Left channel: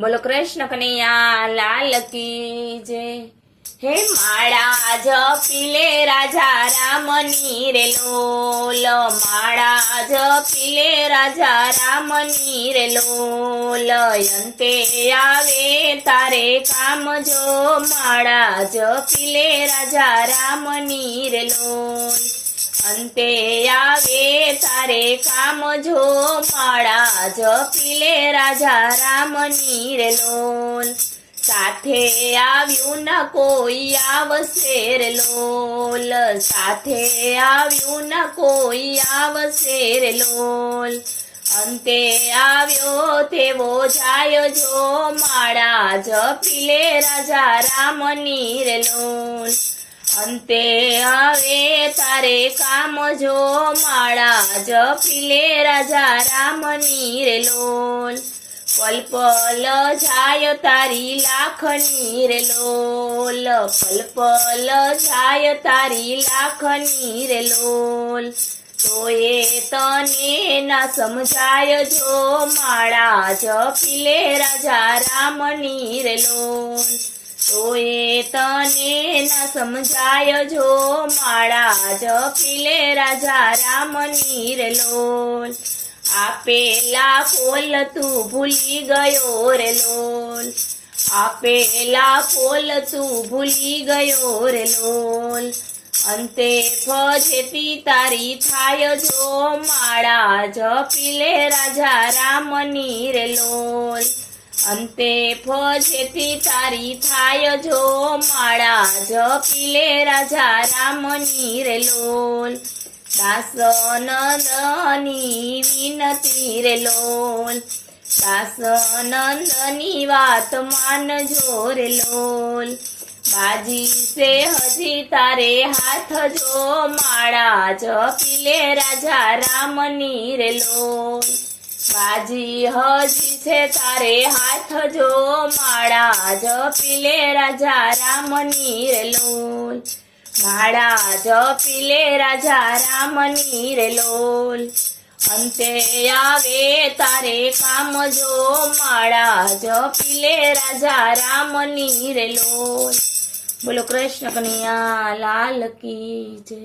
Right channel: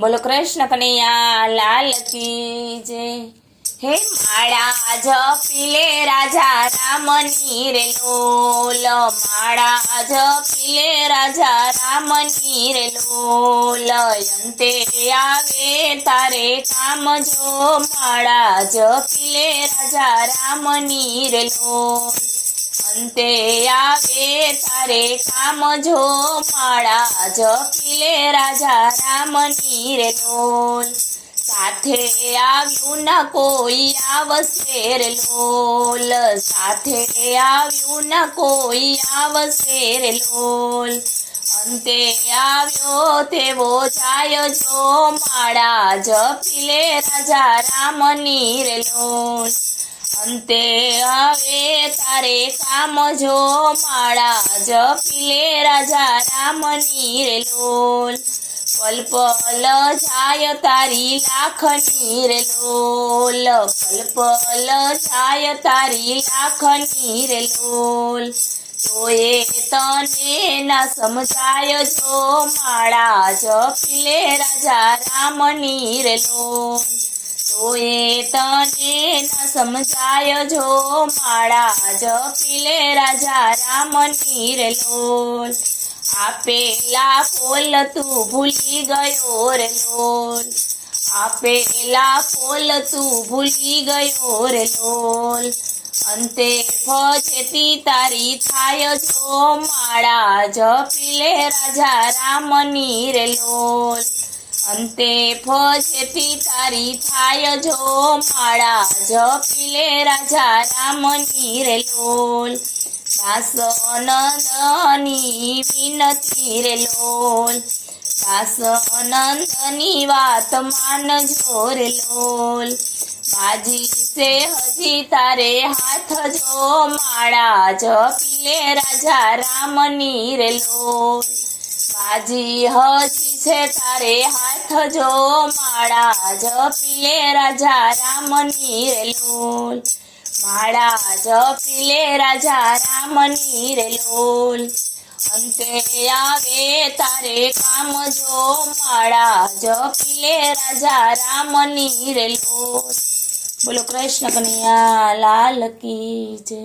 બોલો કૃષ્ણ કનૈયા લાલ કી જય। હે માળા જપીલે રાજા રામની રે લોલ, માળા જપીલે રાજા રામની રે લોલ, અંતે આવે તારે કામ જો, માળા જપીલે રાજા રામની રે લોલ, અંતે આવે તારે કામ જો, માળા જપીલે રાજા રામની રે લોલ, સાથે આવ્યું ન કોઈ આવશે રે લોલ, સાથે આવ્યું ન કોઈ આવશે રે લોલ, અંતે આવ્યો તેવો જાય જો, માળા જપીલે રાજા રામની રે લોલ, અંતે આવે તારે કામ જો, માળા જપીલે રાજા રામની રે લોલ, પલ પલ જાય તારી લાખની રે લોલ, પલ પલ જાય તારી લાખની રે લોલ, તોય તને ના સમજાય જો, માળા જપીલે રાજા રામની રે લોલ, તોય તને ના સમજાય જો, માળા જપીલે રાજા રામની રે લોલ, આપેલા ફોલ તું ભૂલી ગયો રે લોલ, આપેલા ફોલ તું ભૂલી ગયો રે લોલ, અંતે ફજેતી તારી થાય જો, માળા જપીલે રાજા રામની રે લોલ, અંતે ફજેતી તારી થાય જો, માળા જપીલે રાજા રામની રે લોલ, દાસનંદની વિનતી રે લોલ, દાસનંદની વાત માનજો રે લોલ, બાજી સે હજી તારે હાથ જો, માળા જપીલે રાજા રામની રે લોલ, બાજી હજી છે તારે હાથ જો, માળા જપીલે રાજા રામની રે લોલ, માળા જપીલે રાજા રામની રે લોલ, અંતે આવે તારે કામ જો, માળા જપીલે રાજા રામની રે લોલ। બોલો કૃષ્ણ કનૈયા લાલ કી જય।